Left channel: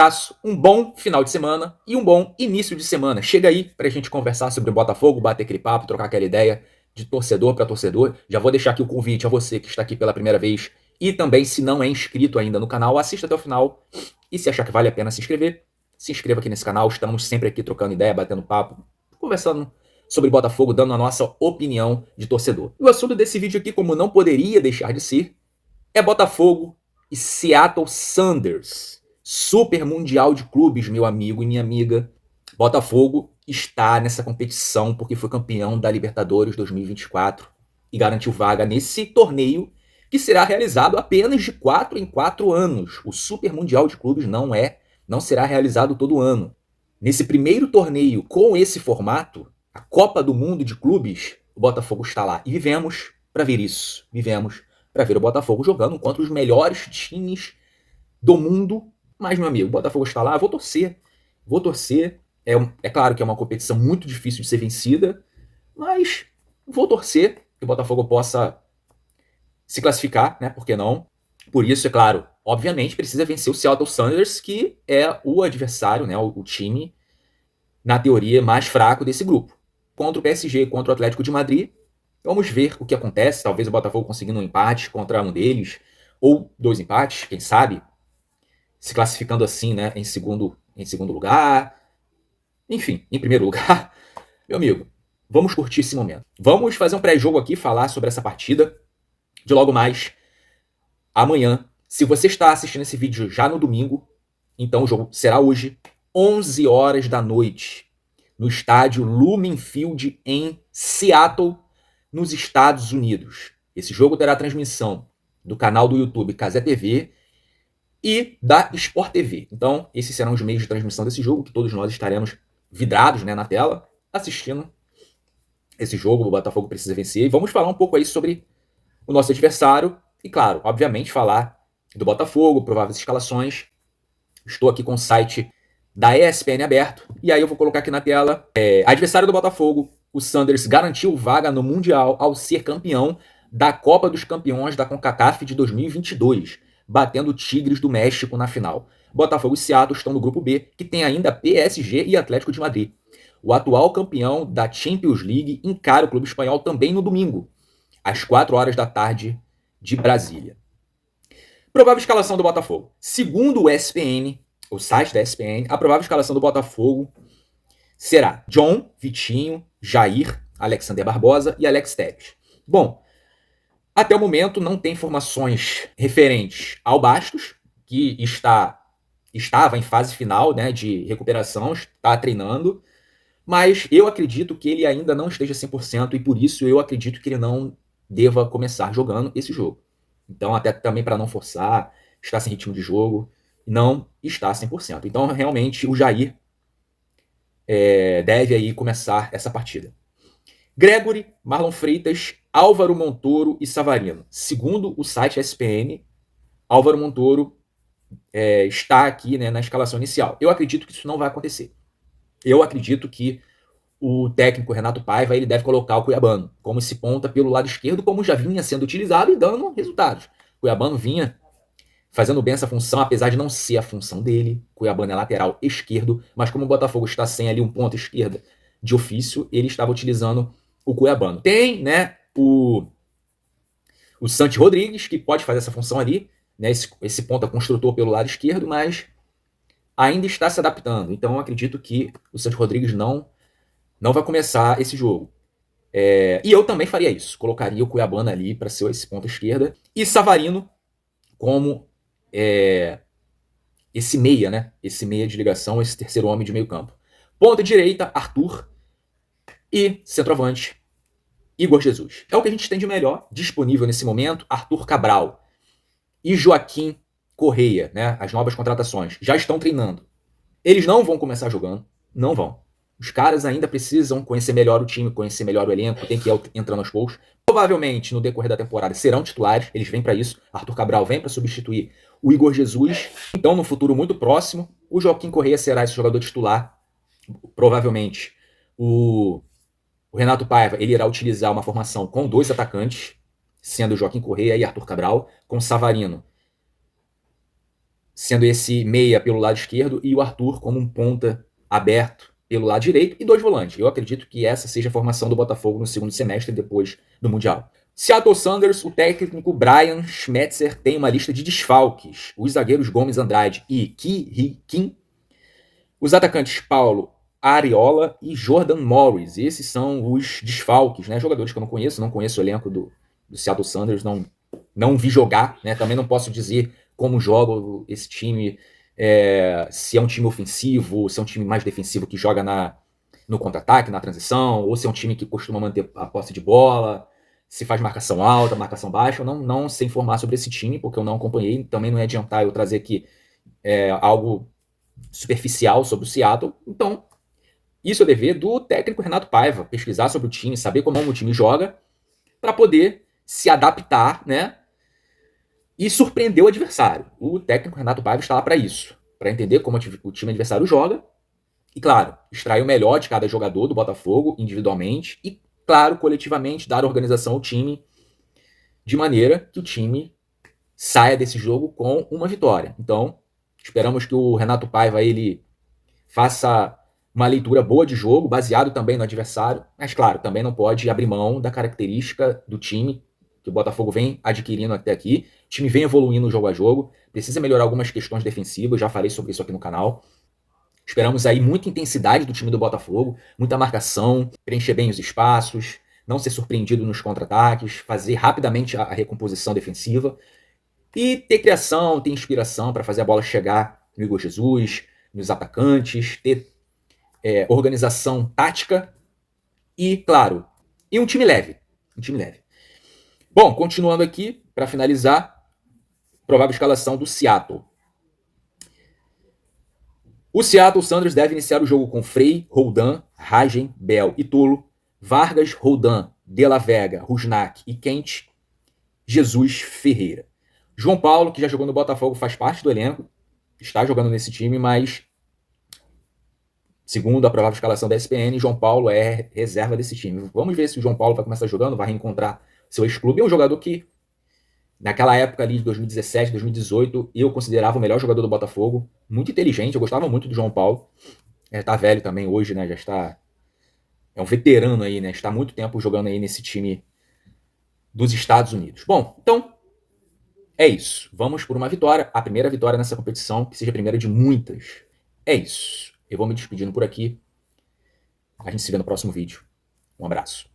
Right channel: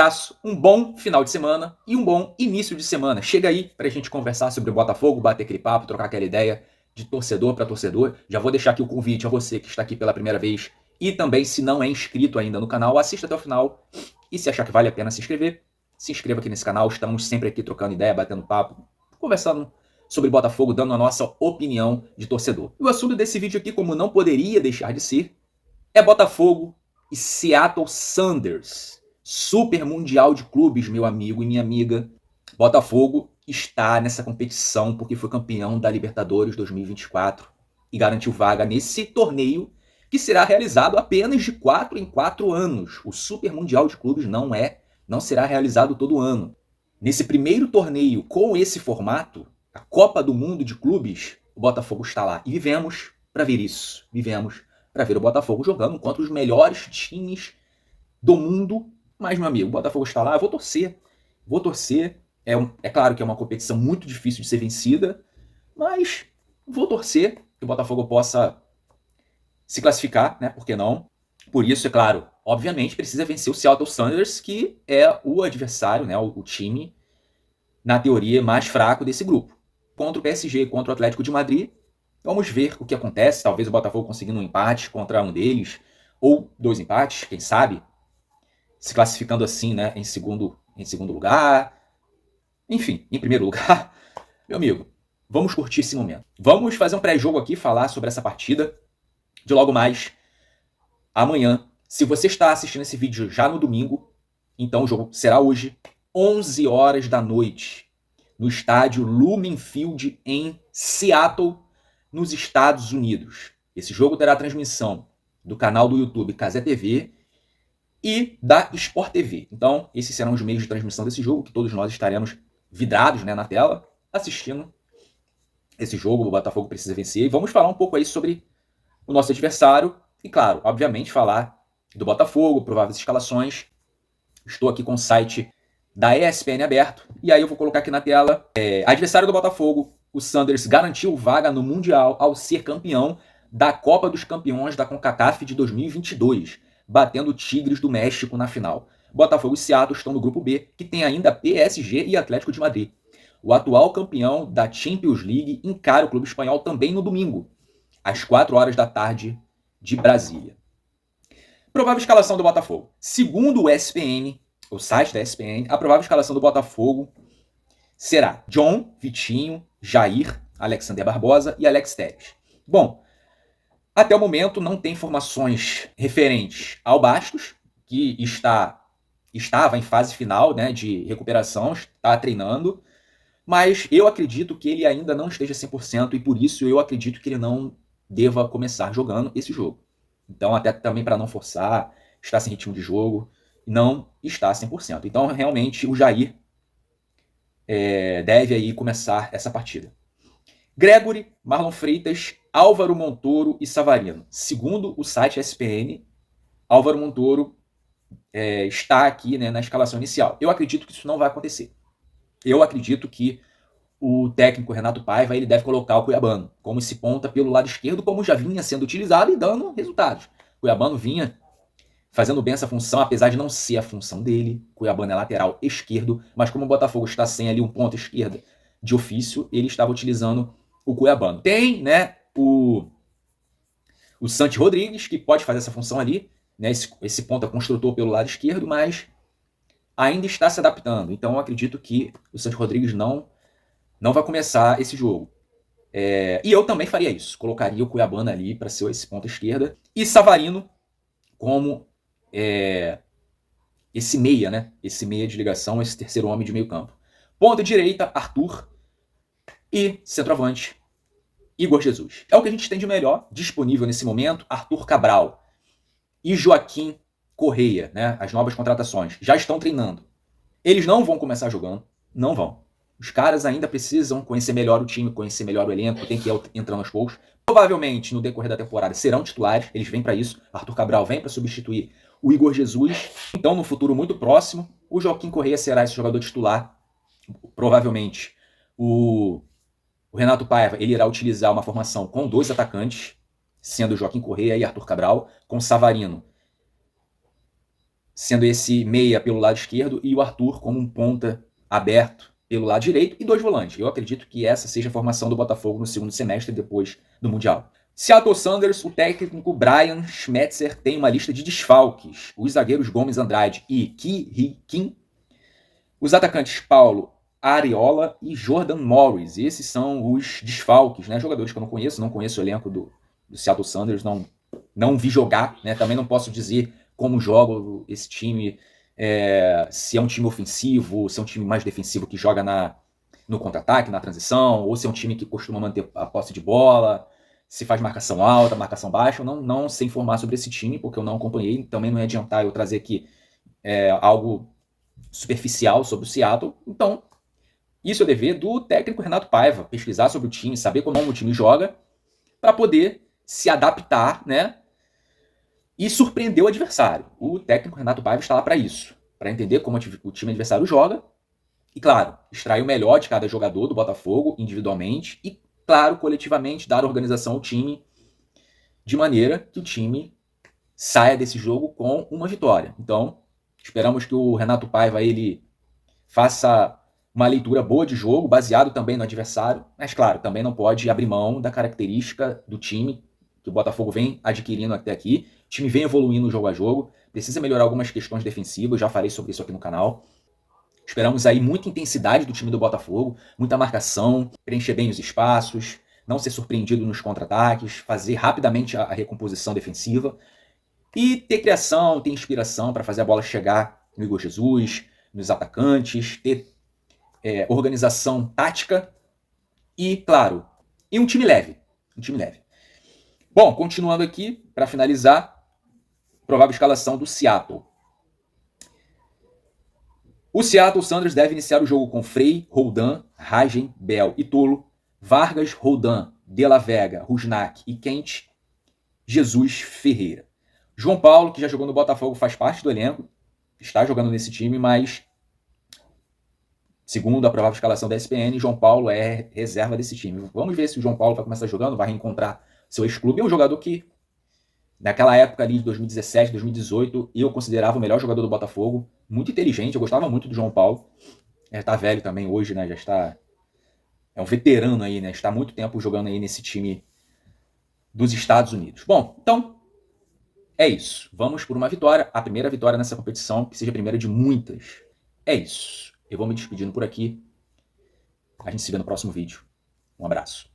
abraço, um bom final de semana e um bom início de semana. Chega aí pra gente conversar sobre o Botafogo, bater aquele papo, trocar aquela ideia de torcedor para torcedor. Já vou deixar aqui o convite a você que está aqui pela primeira vez e também, se não é inscrito ainda no canal, assista até o final. E se achar que vale a pena se inscreva aqui nesse canal. Estamos sempre aqui trocando ideia, batendo papo, conversando sobre Botafogo, dando a nossa opinião de torcedor. E o assunto desse vídeo aqui, como não poderia deixar de ser, é Botafogo e Seattle Sounders. Super Mundial de Clubes, meu amigo e minha amiga. Botafogo está nessa competição porque foi campeão da Libertadores 2024 e garantiu vaga nesse torneio que será realizado apenas de 4 em 4 anos. O Super Mundial de Clubes não será realizado todo ano. Nesse primeiro torneio com esse formato, a Copa do Mundo de Clubes, o Botafogo está lá. E vivemos para ver isso. Vivemos para ver o Botafogo jogando contra os melhores times do mundo. Mas, meu amigo, o Botafogo está lá, eu vou torcer. Vou torcer. É claro que é uma competição muito difícil de ser vencida, mas vou torcer que o Botafogo possa se classificar, né? Por que não? Por isso, é claro, obviamente precisa vencer o Seattle Sounders, que é o adversário, né? O time, na teoria, mais fraco desse grupo. Contra o PSG, contra o Atlético de Madrid, vamos ver o que acontece. Talvez o Botafogo conseguindo um empate contra um deles, ou 2 empates, quem sabe, se classificando assim, né, em segundo lugar. Enfim, em primeiro lugar. Meu amigo, vamos curtir esse momento. Vamos fazer um pré-jogo aqui, falar sobre essa partida de logo mais amanhã. Se você está assistindo esse vídeo já no domingo, então o jogo será hoje, 11 horas da noite, no estádio Lumen Field em Seattle, nos Estados Unidos. Esse jogo terá transmissão do canal do YouTube Cazé TV e da Sport TV. Então, esses serão os meios de transmissão desse jogo, que todos nós estaremos vidrados, né, na tela, assistindo esse jogo. O Botafogo precisa vencer. E vamos falar um pouco aí sobre o nosso adversário. E, claro, obviamente, falar do Botafogo, prováveis escalações. Estou aqui com o site da ESPN aberto. E aí eu vou colocar aqui na tela. Adversário do Botafogo, o Sounders garantiu vaga no Mundial ao ser campeão da Copa dos Campeões da CONCACAF de 2022, batendo o Tigres do México na final. Botafogo e Seattle estão no grupo B, que tem ainda PSG e Atlético de Madrid. O atual campeão da Champions League encara o clube espanhol também no domingo, às 4 horas da tarde de Brasília. Provável escalação do Botafogo. Segundo o ESPN, o site da ESPN, a provável escalação do Botafogo será John, Vitinho, Jair, Alexander Barbosa e Alex Telles. Bom, até o momento não tem informações referentes ao Bastos, que estava em fase final, né, de recuperação, está treinando, mas eu acredito que ele ainda não esteja 100% e por isso eu acredito que ele não deva começar jogando esse jogo. Então, até também para não forçar, está sem ritmo de jogo, não está 100%. Então, realmente, o Jair deve aí começar essa partida. Gregory, Marlon Freitas, Álvaro Montoro e Savarino. Segundo o site ESPN, Álvaro Montoro está aqui, né, na escalação inicial. Eu acredito que isso não vai acontecer. Eu acredito que o técnico Renato Paiva ele deve colocar o Cuiabano como esse ponta pelo lado esquerdo, como já vinha sendo utilizado e dando resultados. O Cuiabano vinha fazendo bem essa função, apesar de não ser a função dele. O Cuiabano é lateral esquerdo, mas como o Botafogo está sem ali um ponta esquerda de ofício, ele estava utilizando o Cuiabano. Tem, né, o Santi Rodrigues, que pode fazer essa função ali, né, esse ponta construtor pelo lado esquerdo, mas ainda está se adaptando. Então eu acredito que o Santi Rodrigues não vai começar esse jogo. E eu também faria isso. Colocaria o Cuiabano ali para ser esse ponta esquerda. E Savarino como esse meia, né? Esse meia de ligação, esse terceiro homem de meio campo. Ponta direita, Arthur. E centroavante, Igor Jesus. É o que a gente tem de melhor disponível nesse momento. Arthur Cabral e Joaquim Correia, né? As novas contratações, já estão treinando. Eles não vão começar jogando. Não vão. Os caras ainda precisam conhecer melhor o time, conhecer melhor o elenco, tem que ir entrando aos poucos. Provavelmente, no decorrer da temporada, serão titulares, eles vêm para isso. Arthur Cabral vem para substituir o Igor Jesus. Então, no futuro muito próximo, o Joaquim Correia será esse jogador titular. Provavelmente, o Renato Paiva ele irá utilizar uma formação com 2 atacantes, sendo Joaquim Correia e Arthur Cabral, com Savarino sendo esse meia pelo lado esquerdo e o Arthur como um ponta aberto pelo lado direito e 2 volantes. Eu acredito que essa seja a formação do Botafogo no segundo semestre depois do Mundial. Seattle Sounders, o técnico Brian Schmetzer tem uma lista de desfalques. Os zagueiros Gomes Andrade e Ki Kim. Os atacantes Paulo Ariola e Jordan Morris. Esses são os desfalques, né? Jogadores que eu não conheço o elenco do Seattle Sounders, não vi jogar, né? Também não posso dizer como joga esse time, se é um time ofensivo, se é um time mais defensivo que joga no contra-ataque, na transição, ou se é um time que costuma manter a posse de bola, se faz marcação alta, marcação baixa. Eu não sei informar sobre esse time, porque eu não acompanhei. Também não ia adiantar eu trazer aqui algo superficial sobre o Seattle. Então, isso é dever do técnico Renato Paiva, pesquisar sobre o time, saber como o time joga, para poder se adaptar, né? E surpreender o adversário. O técnico Renato Paiva está lá para isso, para entender como o time adversário joga e, claro, extrair o melhor de cada jogador do Botafogo individualmente e, claro, coletivamente dar organização ao time de maneira que o time saia desse jogo com uma vitória. Então, esperamos que o Renato Paiva ele faça uma leitura boa de jogo, baseado também no adversário, mas, claro, também não pode abrir mão da característica do time que o Botafogo vem adquirindo até aqui. O time vem evoluindo jogo a jogo, precisa melhorar algumas questões defensivas, já falei sobre isso aqui no canal. Esperamos aí muita intensidade do time do Botafogo, muita marcação, preencher bem os espaços, não ser surpreendido nos contra-ataques, fazer rapidamente a recomposição defensiva e ter criação, ter inspiração para fazer a bola chegar no Igor Jesus, nos atacantes, ter organização tática e, claro, um time leve. Um time leve. Bom, continuando aqui, para finalizar, provável escalação do Seattle. O Seattle Sounders deve iniciar o jogo com Frei, Roldan, Ragen, Bell e Tolo, Vargas, Roldan, De La Vega, Rusnak e Kent, Jesus, Ferreira. João Paulo, que já jogou no Botafogo, faz parte do elenco, está jogando nesse time, mas segundo a provável escalação da ESPN, João Paulo é reserva desse time. Vamos ver se o João Paulo vai começar jogando, vai reencontrar seu ex-clube. É um jogador que, naquela época ali de 2017, 2018, eu considerava o melhor jogador do Botafogo. Muito inteligente, eu gostava muito do João Paulo. Tá velho também hoje, né? Já está... É um veterano aí, né? Está há muito tempo jogando aí nesse time dos Estados Unidos. Bom, então, é isso. Vamos por uma vitória. A primeira vitória nessa competição, que seja a primeira de muitas. É isso. Eu vou me despedindo por aqui. A gente se vê no próximo vídeo. Um abraço.